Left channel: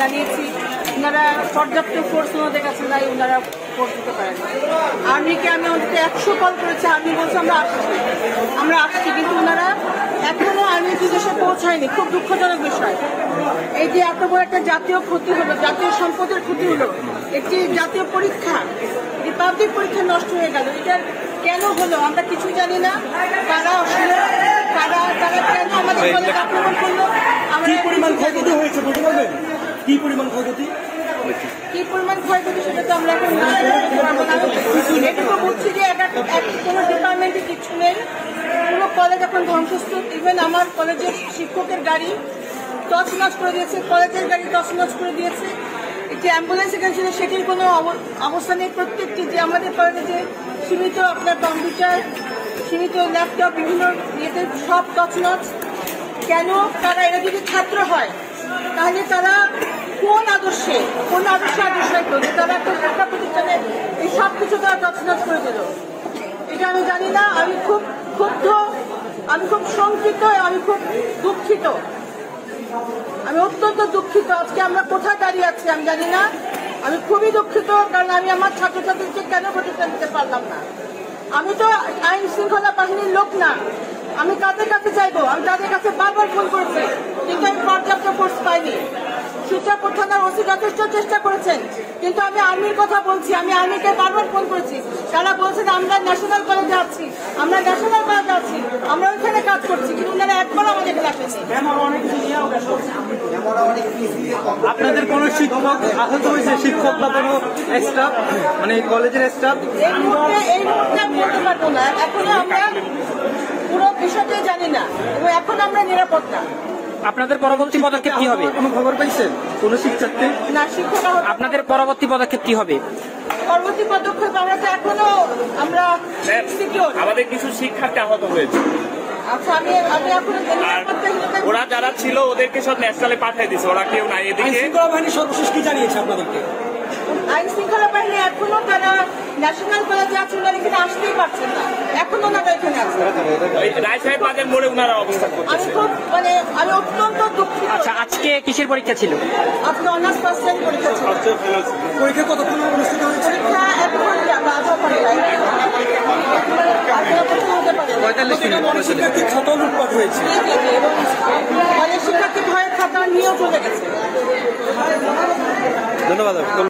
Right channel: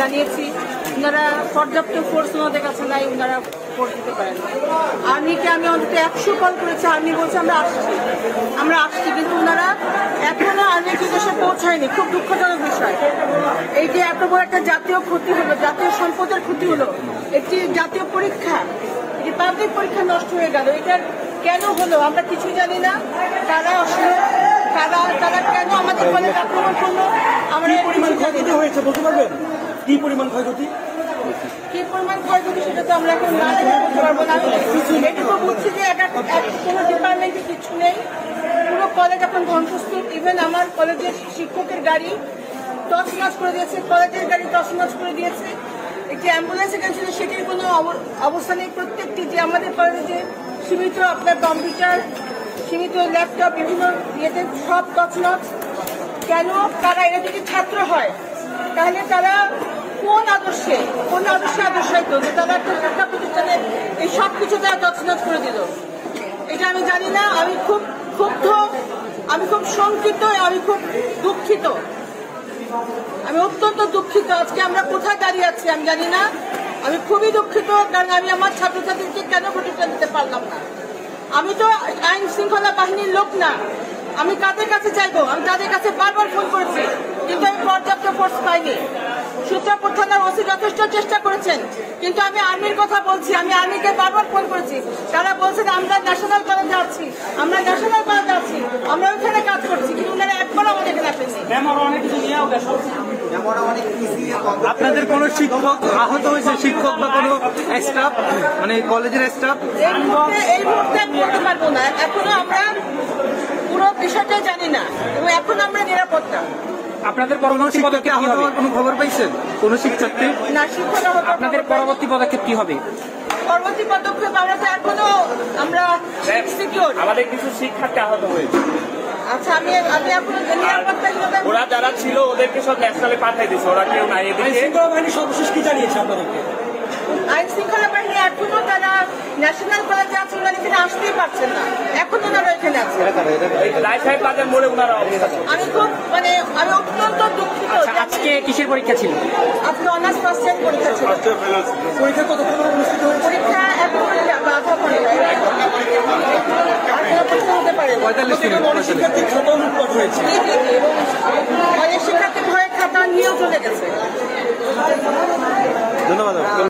জানিয়েছি ওনারা পর্যাপ্ত ফোর্স আমাদের কাছে নাই, ওনারা ফোর্স দিতে পারেন না। আর্মিকে আমি অন্তত 100 কল করেছি, আর্মি বলছে আমরা আসছি, কিন্তু ওনারা এখনো আর্মির বিদেশে পৌঁছায়নি। খুব দুঃখজনক বিষয়। এই যে এত বড় একটা জাতীয় ক্ষতি হলো, জাতীয় সম্পদের ক্ষতি হলো, একটি জাতীয় পরীক্ষা, রিপাবলিক পরীক্ষা নষ্ট হয়ে গেল। এটা কেন হলো আমরা কিছুই জানি না। তারা অসুস্থ, তারা কেন আমাদের কলেজ আক্রমণ করলো আমরা কি পরিমাণ ক্ষয়ক্ষতি সেটা তো আমরা এখন করতে পারবো না। এটুকু বুঝছি যে কোনো ডিপার্টমেন্টে কিছু নেই, পুরো কলেজ এখন ধ্বংসস্তূপ। ইভেন আমার কলেজের শিক্ষকের গাড়ি তছনছ করে দিয়েছে, কলেজের গাড়ি তছনছ করে দিয়েছে। একটি অ্যাম্বুলেন্স এখানে ছিল, সেটির কোনো অবস্থা নেই। প্রত্যেকটি যে আমাদের কলেজে যে সীমিত আপনার কম্পিউটার, সীমিত ল্যাপটপ, বিভিন্ন ইয়েতে সব তছনছ। কেন তারা এরা যদি ছাত্র হয় তাহলে তারা কোন আদর্শে করবে? তারা একটা শিক্ষা প্রতিষ্ঠানে এই সব কিছু তারা তছনছ করে দিল। এটা আমি জানি না। আমি খুব ক্ষুব্ধ, আমি খুব শঙ্কিত, আমি খুব দুঃখিত, আমি অত্যন্ত দুঃখিত। আজকে আমরা কোথায় দাঁড়িয়ে আছি আমি জানি না। আমি খুবই দুঃখিত, কারণ আমি আমার ছাত্রছাত্রীকে কেন প্রতিষ্ঠান দিতে পারলাম না। আমি তো আইন শৃঙ্খলা বাহিনীর লোক না, আমি কাদের কাছে চাইবো? আমি তাদের কাছে বারবার ফোন করেছি, কিন্তু আমি পর্যাপ্ত ফোর্স পাইনি। সূত্রাপুর থানার ওসি যথেষ্ট চেষ্টা করেছেন, কিন্তু আমি আর্মির কথা বলছি, আমি আর্মিকে বারবার ফোন করেছি। তারা বলছেন আমরা ন্যাশনাল কলেজে আছি, আমরা ওইখানে কাজ করছি, কিন্তু ওনারা একবার আমাদের এখানে আসেনি। আপনাদের কোন শিক্ষক আহত হয়েছে? শিক্ষক বা কোনো স্টাফ, মানে কলেজের স্টাফ? এই মুহূর্তে বলতে পারবো না। এখনো আমরা পুরো বিষয়টাই জানি না, এবং এখন আমরা নিরাপদ না। আপনাদের পরবর্তী পদক্ষেপ কি হবে? আপনি খবর পাইছেন কোন শিক্ষককে? না, শিক্ষক আপনাদের পরবর্তী পদক্ষেপ কি হবে? পরবর্তী পদক্ষেপ আমরা তো এখনো আমরা সিকিউর। আমাদের কিছু শিক্ষার্থী আহত হয়েছে। আচ্ছা, আমি এখনো নিরাপত্তাহীনতা। ওরা যারা ছিল ওদেরকে সব ন্যাশনালে পাঠিয়ে দিচ্ছে, ওরা কেউ নাই এদিকে। বাহিনী সর্বশেষ কি জানিয়েছে আপনাদেরকে? আইন শৃঙ্খলা বাহিনী এখনো তারা ন্যাশনাল কলেজে আছে, ওনারা এখানে আসতেই পারছেন না, এখনো ওনারা এখানে আছে। রায় সাহেব বাজার মোড়ে ওনারা অবস্থান করছে। আমি অত্যন্ত দুঃখিত। আজকে কিসের পরীক্ষা ছিল? আপনি অনার্স ফার্স্ট টাইম পরীক্ষা ছিল। পরীক্ষা কতক্ষণ অনুষ্ঠিত হচ্ছে? পরীক্ষা 1 ঘন্টা বা